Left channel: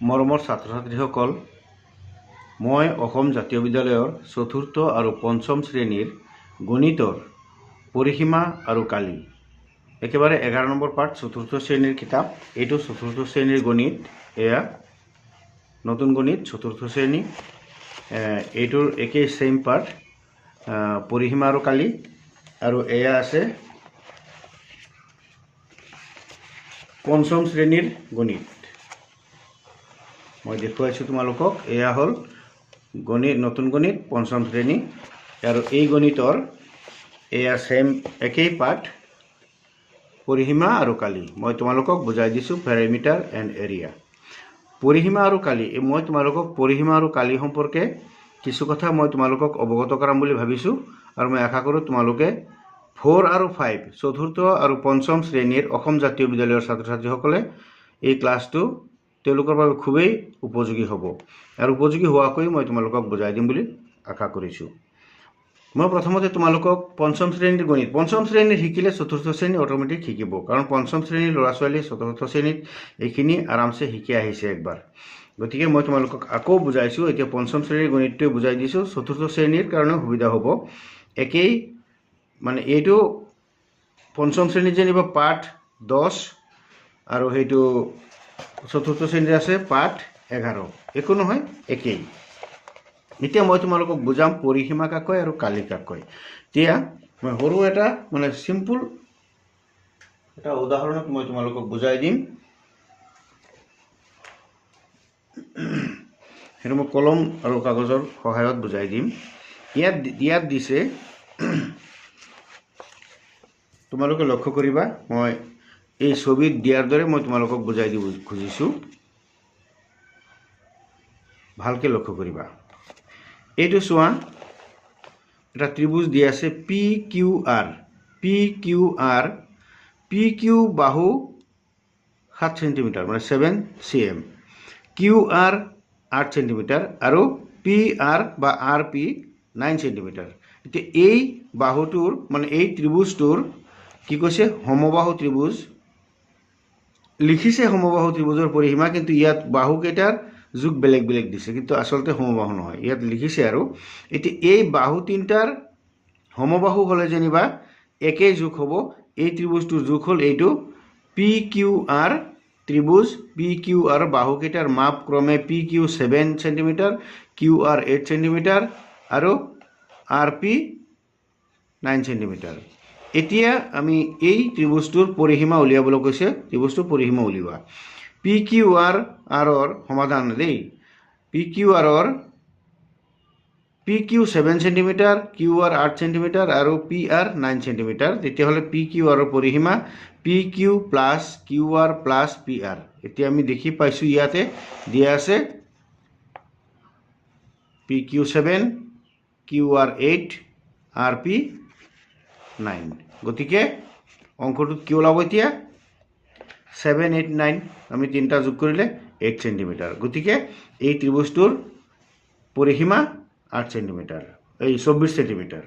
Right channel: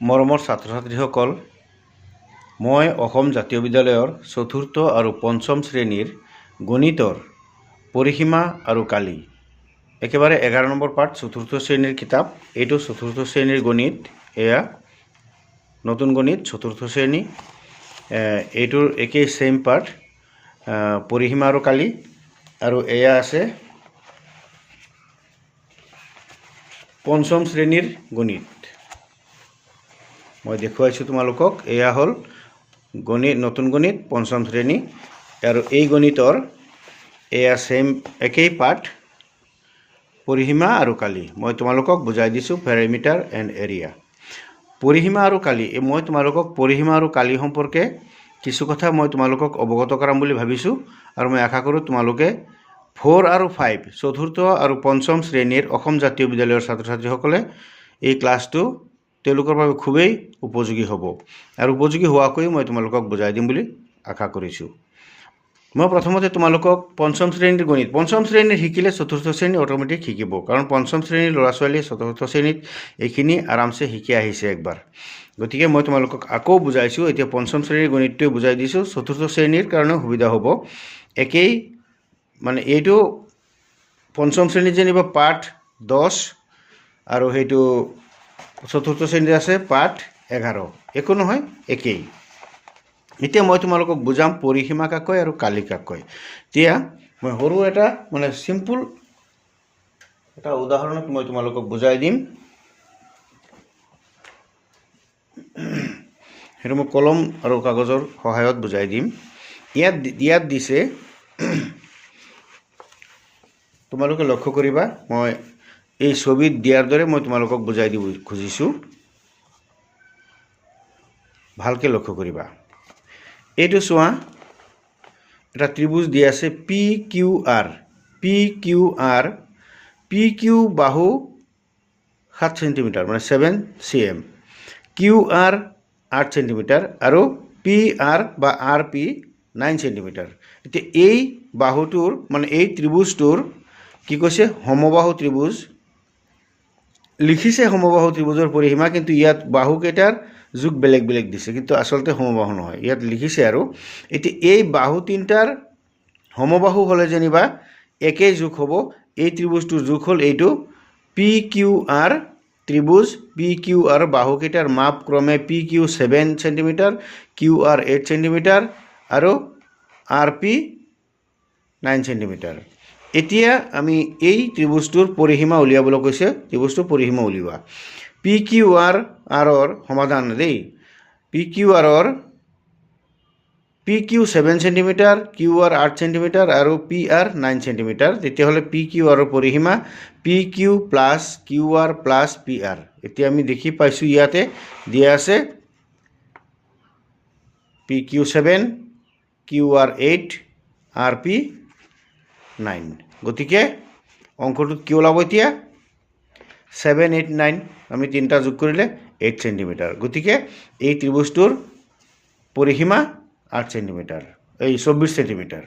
মৰমৰ ছাত্ৰ ছাত্ৰীসকল, মই অসম জাতীয় বিদ্যালয়ৰ চতুৰ্থ আৰু পঞ্চম শ্ৰেণীৰ গণিতৰ পৰিসীমা আৰু কালি একেবাৰে 11 নম্বৰ পাঠ চতুৰ্থ শ্ৰেণীৰ কিতাপ। এইটো চতুৰ্থ শ্ৰেণীৰ গণিত, এয়া নতুন গণিত চতুৰ্থ শ্ৰেণী। এইটোৰ একেই সেম পাঠ, পৰিসীমা আৰু কালি। আৰু এয়া আছে পঞ্চম শ্ৰেণীৰ গণিত। মই দেখুৱাইছোঁ তোমালোকক, এয়া হ'ল গণিত, নতুন গণিত পঞ্চম শ্ৰেণী। আৰু এই গণিতৰ এয়া সেম একেই পাঠ, পৰিসীমা আৰু কালি। মই তোমালোকক বুজাই দিছোঁ পেৰিমিটাৰ এণ্ড এৰিয়া। পৰিসীমা আৰু কালি, মই তোমালোকক পৰিসীমা আৰু কালি সম্পৰ্কে কিছু কথা মই তোমালোকক অৱগত কৰাম বুলি ভাবিছোঁ। আৰু মই আশা কৰোঁ তোমালোকে 4 আৰু 5 চতুৰ্থ আৰু পঞ্চম শ্ৰেণীৰ অসম জাতীয় বিদ্যালয়ৰ ছাত্ৰ ছাত্ৰীসকলে এই ক্লাছটো তেওঁলোকৰ বাবে খুবেই উপযোগী হ'ব। আৰু উপযোগী হোৱাকৈ মই তোমালোকক বুজাই দিম বুলি আশা কৰিছোঁ। মই প্ৰথমতে তোমালোকক পঞ্চম শ্ৰেণীৰ গণিত, পঞ্চম শ্ৰেণীৰ শিকিলে চতুৰ্থ শ্ৰেণী অট'মেটিক শিকিব, কাৰণ পঞ্চম শ্ৰেণীৰ ল'ৰা ছোৱালীয়ে চতুৰ্থ শ্ৰেণীত এইখিনি আৰামছে শিকি আহিছে একবাৰ। গতিকে মই তোমালোকক আকৌ বুজাইছোঁ, এতিয়া পঞ্চম শ্ৰেণীৰ গণিতটোৱে বুজাই দিছোঁ, চতুৰ্থ শ্ৰেণীৰ কাৰণে সুবিধা হ'ব। একেই মানে এইটো পঞ্চম শ্ৰেণীত যেনিবা পাঠ 10 আৰু সেইটো চতুৰ্থ শ্ৰেণীত আছে পাঠ 11, একো নহয়, একেই। এতিয়া মই তোমালোকক বুজাম পৰিসীমা কাক কয় আৰু কালি কাক কয়। এতিয়া মই সৰু এটা মানে চিম্পুল এটা উদাহৰণত মই তোমালোকক বুজাই দিম। সেইটো মই কলম আৰু কাগজৰ সহায়ত বুজাই দিম। ইয়াত দিছে, তোমালোকে লক্ষ্য কৰিবা, মই এই ছবিত দিয়াৰ দৰে মই তোমালোকক বুজাই দিব খুজিছোঁ, ভালকৈ লক্ষ্য কৰিবা। এইটো চোৱা, এটা ত্ৰিভুজ দিয়া আছে P Q R. P Q বাহু 7 চেণ্টিমিটাৰ, মানে 7 cm, কিউ আৰ 8 চেণ্টিমিটাৰ আৰু পি আৰ বা আৰ পি 9 চেণ্টিমিটাৰ। এতিয়া এই বাহুটোৰ মানে এই ত্ৰিভুজটোৰ কি কৈছে, সমবাহু ত্ৰিভুজ লিখিছে, সমবাহু ত্ৰিভুজৰ পৰিসীমা, কিন্তু ইয়াত বাহুকেইটাৰ যুগ বেলেগ বেলেগ দিছে, কিন্তু আচলতে সমবাহু নহয়, ইয়াত লিখিছে। আৰু এতিয়া এই বাহু তিনিটাৰ সমবাহু হ'লে যেনিবা একেই যুগ হ'ব। এই ত্ৰিভুজটোৰ যুগ হ'ল এইটো পি কিউ আৰ ত্ৰিভুজ। পি কিউ আৰ বাহুকেইটাৰ মাপ ক্ৰমে P Q 7 centimetre, Q R 8 centimetre আৰু আৰ পি 9 চেণ্টিমিটাৰ। এতিয়া আমি এই ত্ৰিভুজটোৰ পৰিসীমা উলিয়াবলৈ কৈছে, ত্ৰিভুজটোৰ পৰিসীমা উলিওৱা। পি কিউ আৰৰ সমাধান দেই, P Q 7 centimetre, Q R 8 centimetre আৰু পি আৰ 9 চেণ্টিমিটাৰ। তেতিয়াহ'লে পি কিউ আৰৰ পৰিসীমা P Q plus Q R plus P R. এতিয়া আমি দেখি পাইছোঁ ইয়াতে দিয়া আছে P Q 7, Q R 8, R P 9। গতিকে অংকটোত কি ওলাব এতিয়া, 7, 8, 9, আমি তিনিটা যোগ কৰিলে 8 চেণ্টিমিটাৰ। গতিকে এই ত্ৰিভুজটোৰ পৰিসীমা 8 চেণ্টিমিটাৰ, এই 24 চেণ্টিমিটাৰ।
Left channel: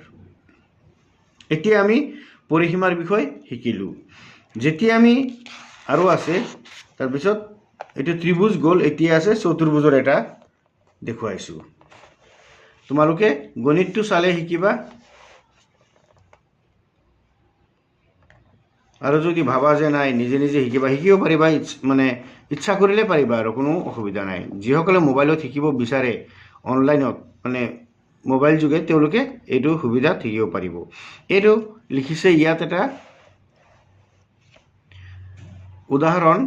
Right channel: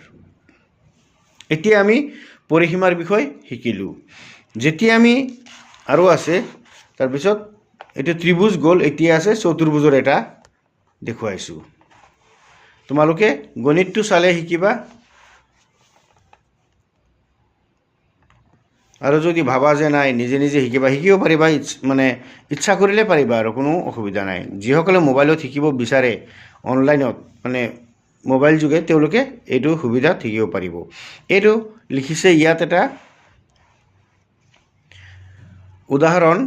এতিয়া আমি পৰিসীমাৰ বিষয়ে শিকিলোঁ। যেতিয়া আমি আৰু আছে, তাৰপিছত এইটো ত্ৰিভুজ গ'ল, এতিয়া আছে চতুৰ্ভুজৰ এটা দেখুৱাইছোঁ। তোমালোকে গণিতটো চালে শিকিবা, আৰু যদি ভাবা যে নাই নিজে নিজে শিকিব পাৰিবা, মানে ইচ্ছা কৰিলে পাৰিবা, আৰু কোনো অসুবিধা নাই। যিসকলে মোবাইলত শিকিব বিচাৰে, অনলাইনত মানে মোবাইল যোগে, তেওঁলোকে এইটো সুবিধাত শিকিব পাৰিব। এইটো লিখিছে ইয়াত এটা উদাহৰণ,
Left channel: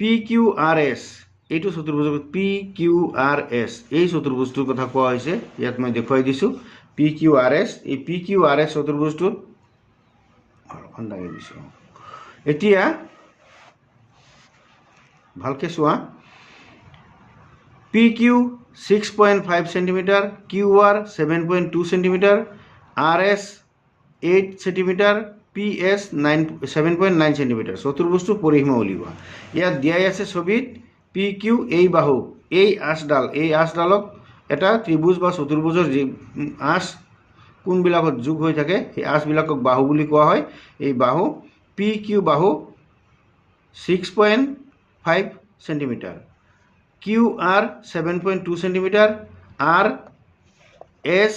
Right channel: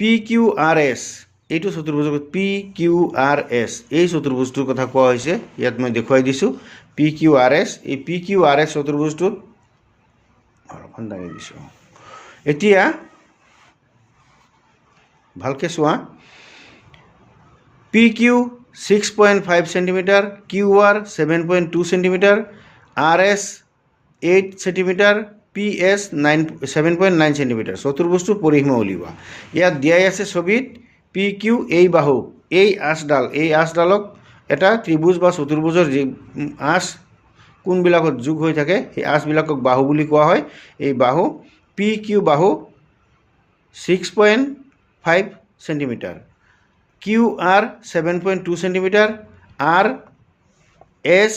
পি কিউ আৰ এছ। এইটো চতুৰ্ভুজৰ পি কিউ আৰ এছ, এই চতুৰ্ভুজটোৰ কথা কোৱা হৈছে। ইয়াত মই দেখুৱাই দিছোঁ পি কিউ আৰ এছ। এই পি কিউ আৰ এছ চতুৰ্ভুজটোত দাঙি দিছোঁ। এতিয়া ভালকৈ চোৱা, P Q 6.5 centimetre, Q R 7.2 centimetre, R S 8 centimetre, P S 7.9 centimetre. চতুৰ্ভুজটোৰ পৰিসীমা উলিওৱা। ইয়াত দিয়াই আছে ছবিত পি কিউ, এই বাহু, এই আঁচডালক এটা ত্ৰিভুজ বা চতুৰ্ভুজৰ যি আঁচ কোনবিলাকত যোগ হৈ থাকে, সেই আঁচবিলাকক বাহু বুলি কোৱা হয়। এই পি কিউ বাহু 6.5 centimetre, QR 7.2 centimetre, RS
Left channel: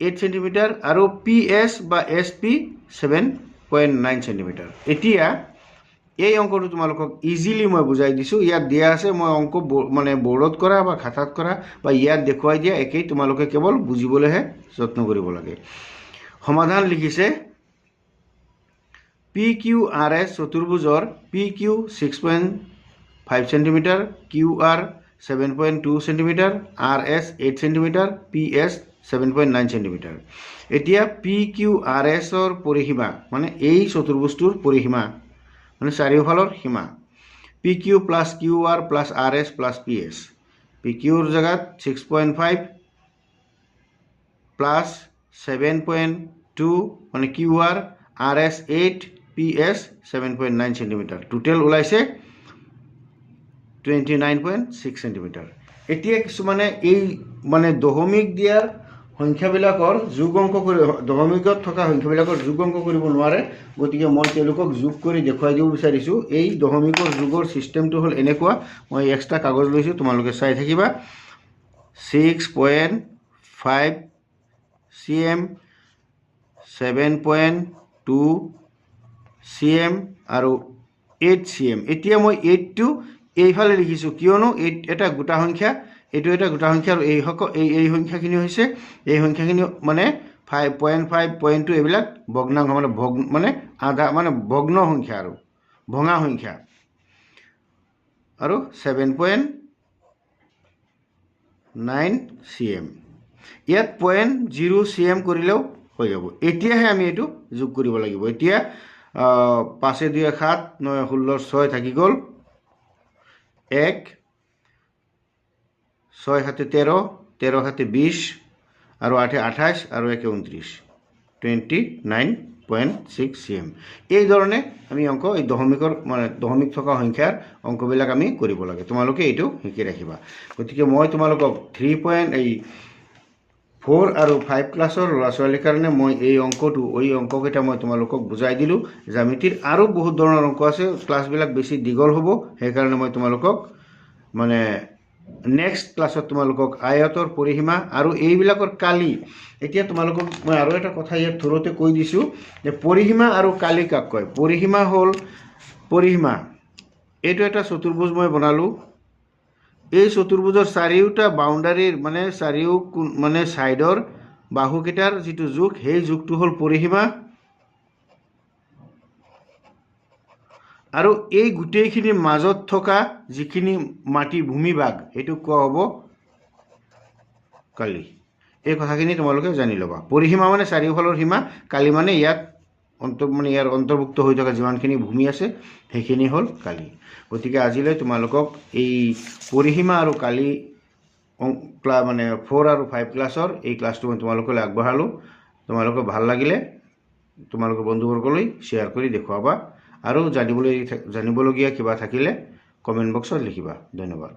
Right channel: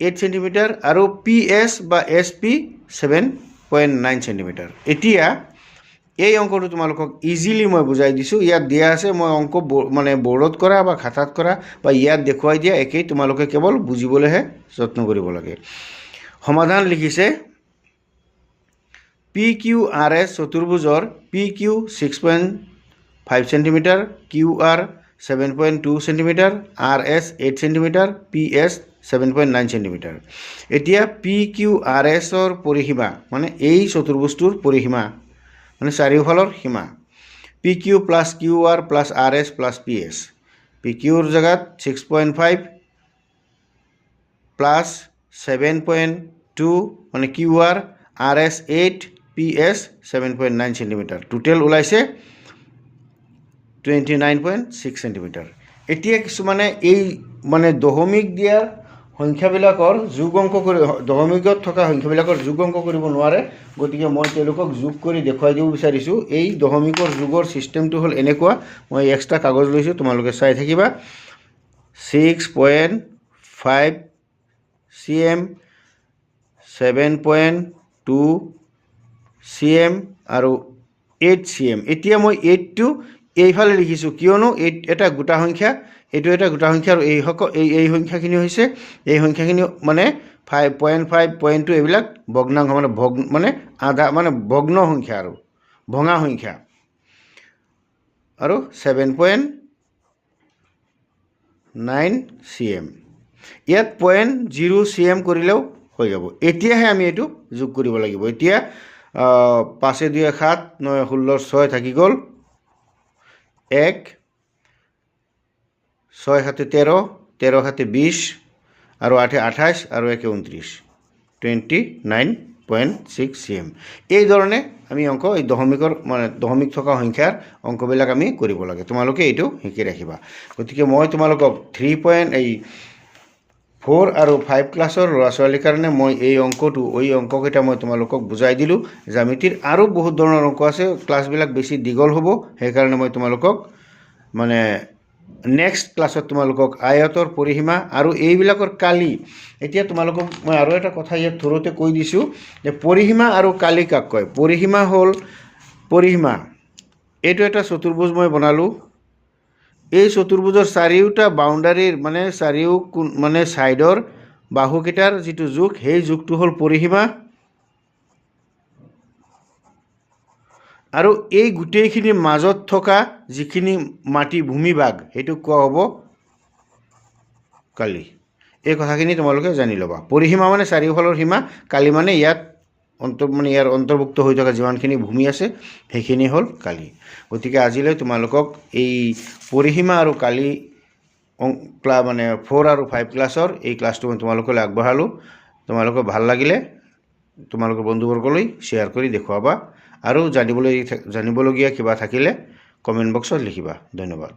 8 centimetre আৰু PS বা SP 7.9 সেন্টিমিটাৰ। এতিয়া এই অংকটো তোমালোকক ইজিলি মই বুজাই দিছোঁ। ইয়াত দিয়া আছে, মই অংক মানে বৰ্ডত কৰা বা খাতাত কৰা বা ইয়াত দেখুৱাই দিয়া একেই, তোমালোকে কেৱল বুজিবলৈহে যত্ন কৰিব লাগে। সমাধান লিখিছে PQRS চতুৰ্ভুজৰ PQ 6.5 centimetre, QR 7.2 centimetre, RS 8 centimetre, PS 7.9 centimetre. এতিয়া PQRSৰ পৰিসীমা মানে এই চতুৰ্ভুজটোৰ পৰিসীমা মানে চাৰিওফালৰ সীমা PQ plus QR plus RS plus PS। PQৰ জেগাত 6.5 প্লাছ 7.2 মানে QR, RS 8, PS 7.9 centimetre. Total ওলাইছে 29.6 সেন্টিমিটাৰ। এতিয়া কিছুমানে এই মানে দশমিক দিয়া সংখ্যাবিলাকৰ যোগ অংক কৰি, দশমিকত থকা সংখ্যাবিলাকৰ যোগ অংক কৰিব নোৱাৰে, গতিকে মই তেওঁলোকক যোগ কৰি দেখুৱাই দিব বিচাৰিছোঁ। এই দশমিকৰ যোগৰ ছিষ্টেমটো হ'ল এনেকুৱা, মই এক্সট্ৰা কাগজ লৈছোঁ, তোমালোকে চাই থাকিবা। 6.5 cm, 7.2 cm আৰু 8 cm। এতিয়া মই 8টো এইফালে লিখিছোঁ কিয়নো 8 এটা গোটা সংখ্যা, এইটো এটা গোটা সংখ্যা আৰু এই সংখ্যাখিনি হৈছে, এই সংখ্যাখিনি মানে 5.5, 0.2 এইবিলাক ভগ্নাংশ মানে আধা মানে ভগ্ন সংখ্যা আৰু ভঙা সংখ্যা। আৰু 7.9 cm, ইয়াত 0.0 cm কৰিলেও হৈ যাব। এতিয়াহে আমি এইটো যোগ কৰিব লাগিব। এতিয়া 5 2 7, 9 16 6 থাকি গ'ল, 1 6 7 13, 13 7 20 আৰু 8 28 আৰু 1 29, 29.6 cm। এই ধৰণে আমি অংক এই দশমিকৰ মানে দশমিক থকা সংখ্যাৰ অংকবিলাক আমি কৰিব লাগে। তোমালোকে এইটো শিকি ৰাখিবা। গতিকে মই তোমালোকক 3.4 আৰু 5 ক্লাছৰ ল'ৰা ছোৱালীৰ কাৰণে মই এই অংককেইটা মই তোমালোকক বুজাই দিলোঁ। জ্যামিতিৰ আৰু বহুত ধৰণৰ অংক আছে, ক্লাছবিলাক বেছি দীঘল হ'ব, সেইকাৰণে মই তোমালোকক মানে নেক্সট ক্লাছত তোমালোকক আয়তৰ পৰিসীমা আৰু এইবিলাকৰ কালি। এতিয়া তোমালোকক মই আৰু এটা কথা ইয়াত থোৰতে কৈ দিছোঁ যে পৰিসীমা আৰু কালি কাক কয়। পৰিসীমা হ'ল পৰিসীমা, এইটো এটা চতুৰ্ভুজ মই বনালোঁ। এই চতুৰ্ভুজৰ চাৰিওটা বাউণ্ডাৰীৰ মানে মানে ছাইডৰ বাহুকেইটাৰ যিটো যোগ, সেই যোগটো হ'ল পৰিসীমা। আৰু এই গোটেইখিনিৰ মাজত থকা যিখিনি মাটি ভূমিভাগ সেইটো কোৱা হ'ব কালি। এই কথাখিনি তোমালোকে জানি ল'বা। পৰিসীমা মানে চাৰিওফালৰ সীমা, কালি মানে ইয়াত ইয়াৰ অন্তৰ্ভুক্ত হৈ থকা যিমানখিনি ভূমি আছে সেইখিনি হ'ল কালি। গতিকে আজিলৈ তোমালোকক এই পৰিসীমা আৰু কালি মানে 4 আৰু 5 ক্লাছৰ এই ক্লাছটো মই তোমালোকলৈ আগবঢ়ালোঁ। তোমালোকৰ ভাল লাগিলে তোমালোকৰ বন্ধুবৰ্গলৈ শ্বেয়াৰ কৰি দেখুৱাবা আৰু জানিবলগীয়া কিবা থাকিলে কমেণ্ট বক্সত লিখিবা। ধন্যবাদ।